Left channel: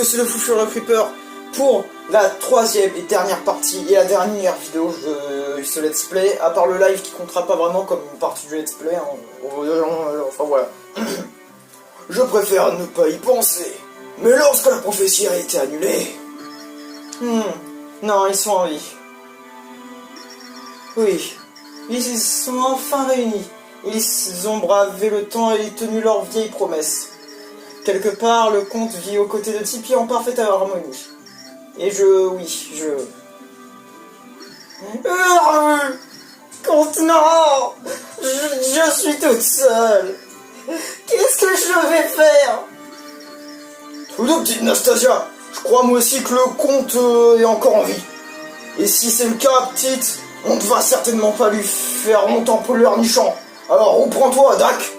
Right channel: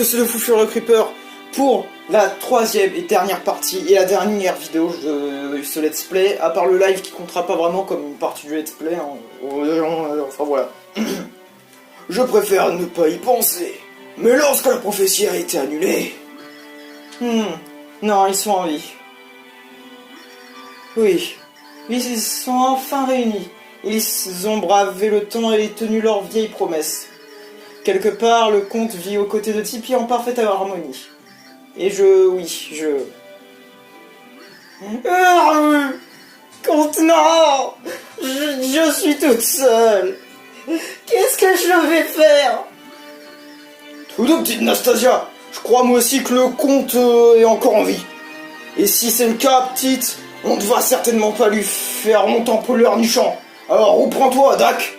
que c'est le Fou Furieux Creeper pour la troisième et dernière partie et la dernière vidéo de ce let's play, à part le live qui comptera pas vraiment comme une partie du let's play, enfin voilà. Je préfère ne pas y penser, mais lorsque la prophétie a été annulée... non, ils sont en vie. Oui, ils sont enfin réunis. Ils ont bravé le temps et tenu leurs vieilles promesses. Quelque part, le comte vit aux côtés de Tipeee en parfaite harmonie. Et Comte, non! Je suis toute seule. Qu'est-ce que je vais faire? Tout de petite Nastasia, je crois moi aussi que le comte est encore en vie. Et si c'est le cas, petite, on ne va certainement pas lui faire monter en pollueur nichant. Alors reprends-toi, Dak.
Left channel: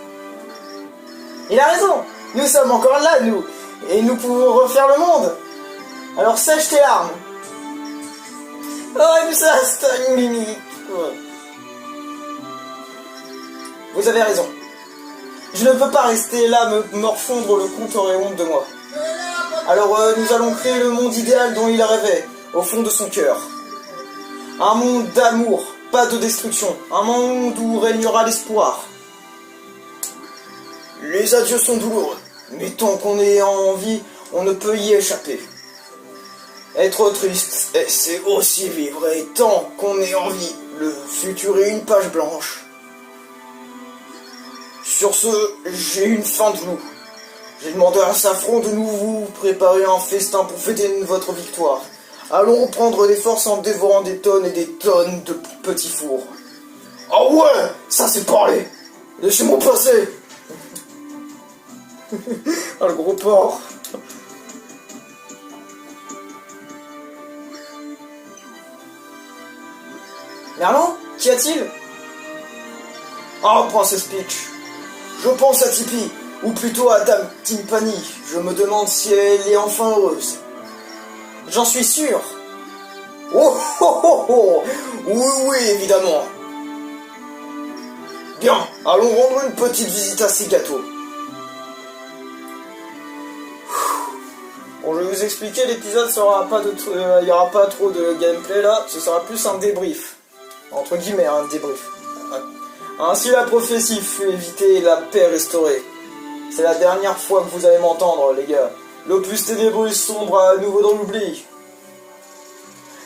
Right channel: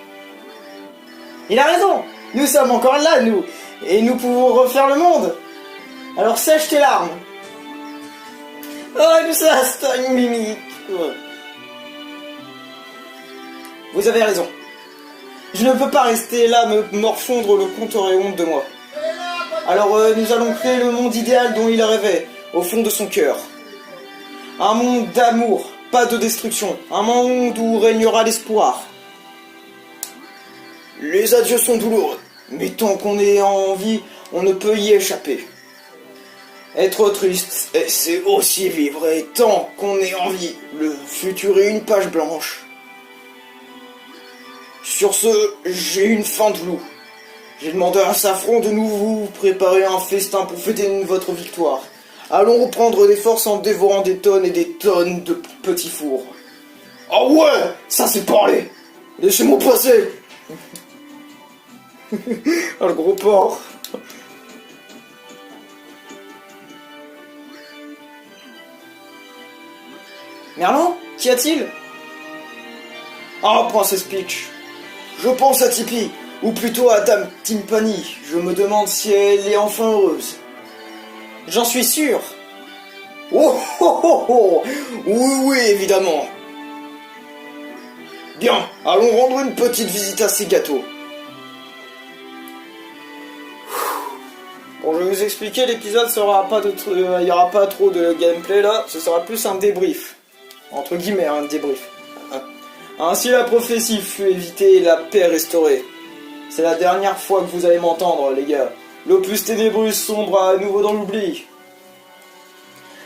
Il a raison. Nous sommes encore là, nous. Et nous pouvons refaire le monde. Alors sèche tes larmes. Oh, ça, c'est une mimique. Vous avez raison. Je ne peux pas rester là me morfondre, le comte aurait honte de moi. Alors nous allons créer le monde idéal dont il rêvait, au fond de son cœur. Un monde d'amour, pas de destruction. Un monde où régnera l'espoir. Les adieux sont douloureux, mais tant qu'on est en vie, on ne peut y échapper. Être triste, c'est aussi vivre, et tant qu'on est en vie, le futur est une page blanche. Sur ce, j'ai une faim de loup. J'ai demandé à Safran de nous préparer un festin pour fêter votre victoire. Allons reprendre des forces en dévorant des tonnes et des tonnes de petits fours. Ah ouais, ça c'est parlé. Laissez-moi passer. Ah, le gros porc. Merlin, qu'y a-t-il? Ah, Princesse Peach. Je pense à Tipeee, ou plutôt à Dame Timpani. Je me demande si elle est enfin heureuse. J'en suis sûr. Oh oh oh oh. Oui, évidemment. Bien, allons rendre une petite visite à ces gâteaux. Bon, je vais vous expliquer, l'épisode sera pas de... il n'y aura pas trop de gameplay là, ce sera plus un débrief. Entre guillemets, un débrief. Ainsi la prophétie fut évitée et la paix restaurée. C'est la dernière fois que vous allez m'entendre, les gars. L'opus ténébreux sombre à nouveau dans l'oubli.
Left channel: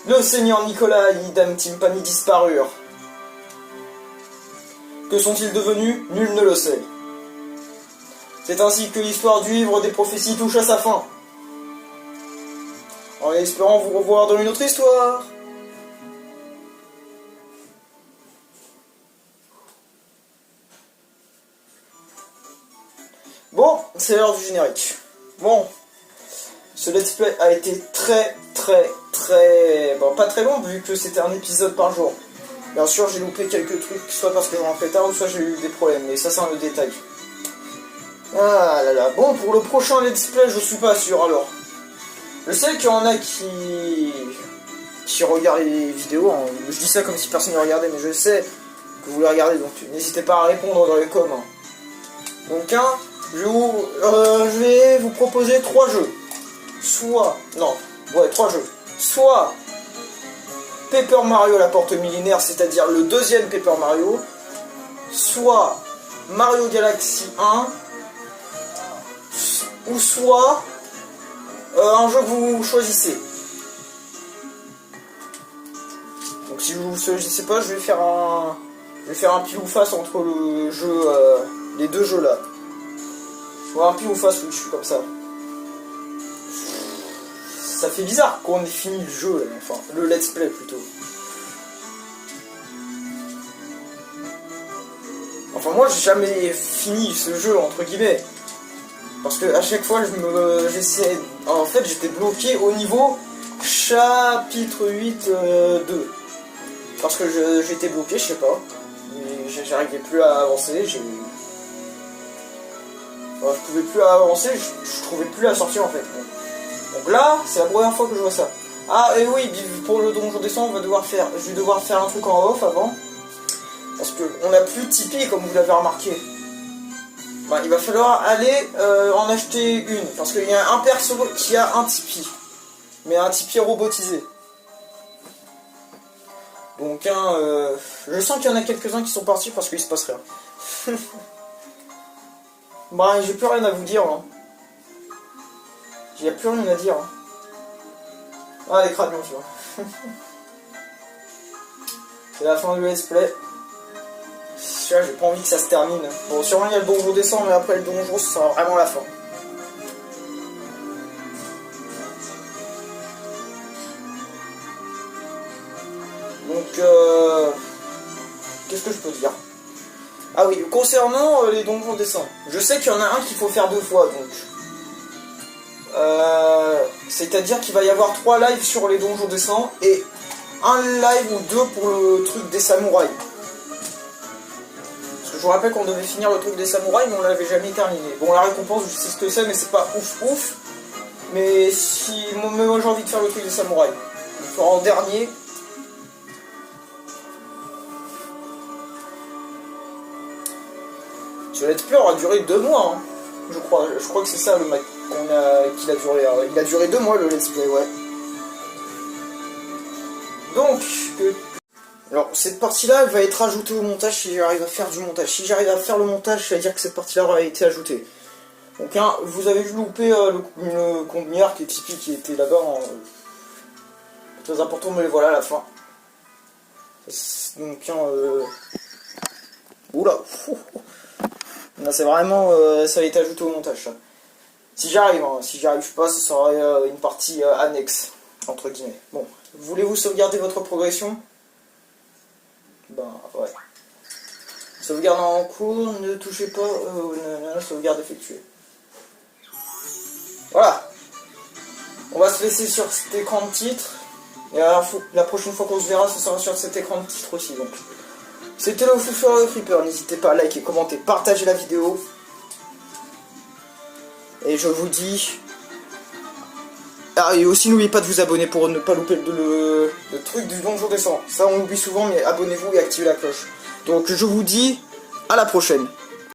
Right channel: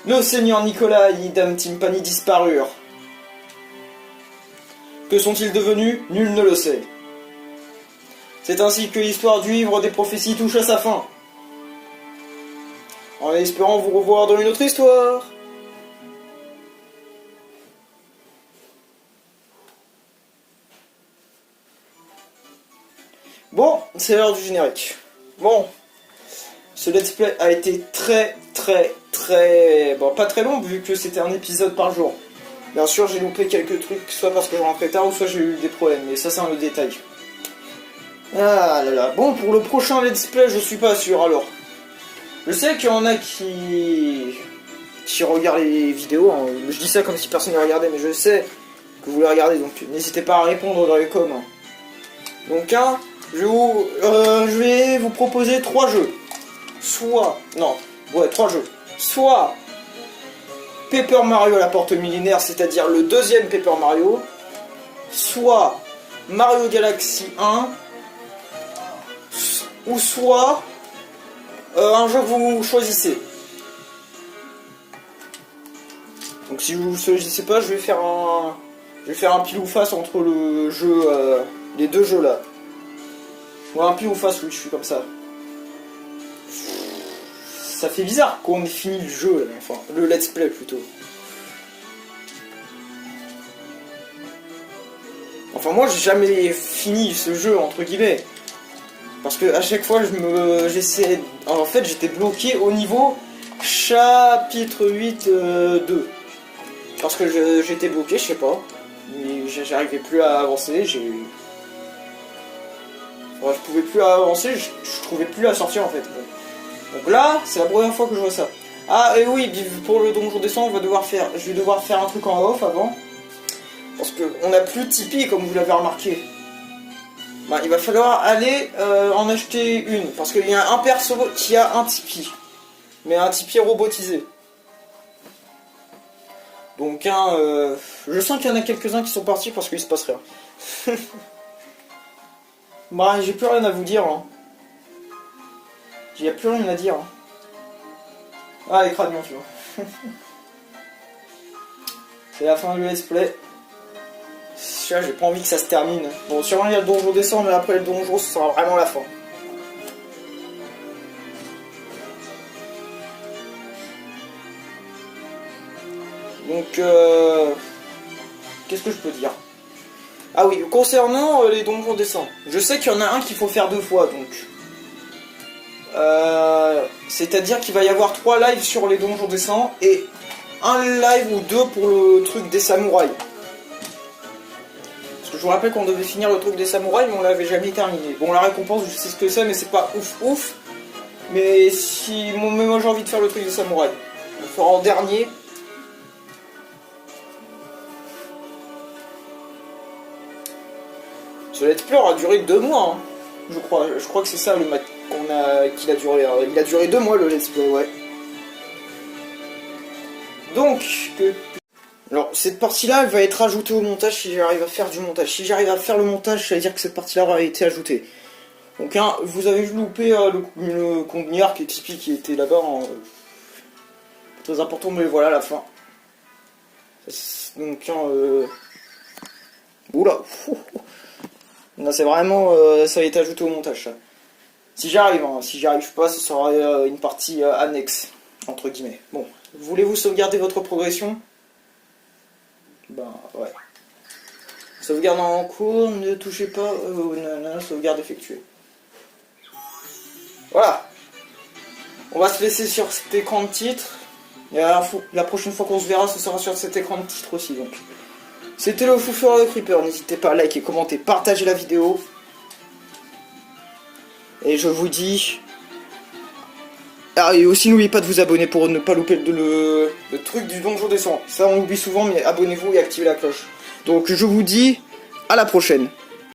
Le seigneur Nicolas et Dame Timpani disparurent. Que sont-ils devenus? Nul ne le sait. C'est ainsi que l'histoire du livre des prophéties touche à sa fin. En espérant vous revoir dans une autre histoire. Bon, c'est l'heure du générique. Bon, ce let's play a été très... Bon, pas très long, vu que c'était un épisode par jour. Bien sûr, j'ai loupé quelques trucs, soit parce que j'en fais tard, ou soit j'ai eu des problèmes, mais ça c'est un autre détail. Ah là là, bon, pour le prochain let's play, je suis pas sûr, alors. Je sais qu'il y en a qui regardent les vidéos, hein. Je dis ça comme si personne ne regardait, mais je sais que vous les regardez, donc n'hésitez pas à répondre dans les coms. Donc, je vais vous proposer 3 jeux. Trois jeux. Soit Paper Mario la porte millénaire, c'est-à-dire le deuxième Paper Mario. Soit Mario Galaxy 1. Ou soit un jeu que vous choisissez. Donc si vous ne choisissez pas, je vais faire un pile ou face entre le jeu, les deux jeux là. Bon, un pile ou face, oui, je suis comme ça. Ça fait bizarre qu'on ait fini le jeu, là, enfin, le let's play plutôt. Enfin, moi j'ai jamais fini ce jeu, entre guillemets. Parce que à chaque fois, j'essayais. En fait, j'étais bloqué au niveau chapitre 8 2. Parce que j'étais bloqué, je sais pas. Mais j'arrivais plus à avancer, je pouvais plus avancer, je trouvais plus la sortie en fait. Donc là, c'est la première fois que je vois ça. Ah, et oui, pour le donjon descend, je vais devoir faire un truc en off avant. Parce que on n'a plus de Tipeee, comme vous l'avez remarqué. bah, il va falloir aller en acheter une. Parce qu'il y a un perso qui a un Tipeee. Mais un Tipeee robotisé. Donc je sens qu'il y en a quelques-uns qui sont partis parce qu'il se passe rien. Bah j'ai plus rien à vous dire. Hein. J'ai plus rien à dire. Hein. Ah les crânions tu vois. C'est la fin du let's play. J'ai pas envie que ça se termine. Bon sûrement il y a le donjon descend mais après le donjon ce sera vraiment la fin. Donc qu'est-ce que je peux dire? Ah oui, concernant les donjons descend. Je sais qu'il y en a un qu'il faut faire 2 fois donc. C'est-à-dire qu'il va y avoir 3 lives sur les donjons descend et un live ou 2 pour le truc des samouraïs. Parce que je vous rappelle qu'on devait finir le truc des samouraïs mais on l'avait jamais terminé. Bon la récompense je sais ce que c'est mais c'est pas ouf. Mais si moi j'ai envie de faire le truc des samouraïs. Il faut en dernier. Ce let's play aura duré 2 mois, hein, je crois. Je crois que c'est ça le match qu'il a duré. Il a duré 2 mois le let's play, ouais. Donc, alors cette partie-là, elle va être ajoutée au montage si j'arrive à faire du montage. Si j'arrive à faire le montage, ça veut dire que cette partie-là aura été ajoutée. Donc, hein, vous avez loupé le conteneur qui est Tipeee qui était là-bas. Hein, très important, mais voilà la fin. Donc, hein, oula. Là, c'est vraiment, ça a été ajouté au montage. Ça. Si j'arrive, hein, si j'y arrive pas, ce sera une partie annexe, entre guillemets. Bon, voulez-vous sauvegarder votre progression? Ben, ouais. Sauvegarde en cours, ne touchez pas, sauvegarde effectuée. Voilà. On va se laisser sur cet écran de titre. Et alors, la prochaine fois qu'on se verra, ce sera sur cet écran de titre aussi, donc. C'était le Foufeur de Creeper, n'hésitez pas à liker, commenter, partager la vidéo. Et je vous dis... Ah, et aussi n'oubliez pas de vous abonner pour ne pas louper le truc du donjon descend. Ça on oublie souvent, mais abonnez-vous et activez la cloche. Donc je vous dis à la prochaine.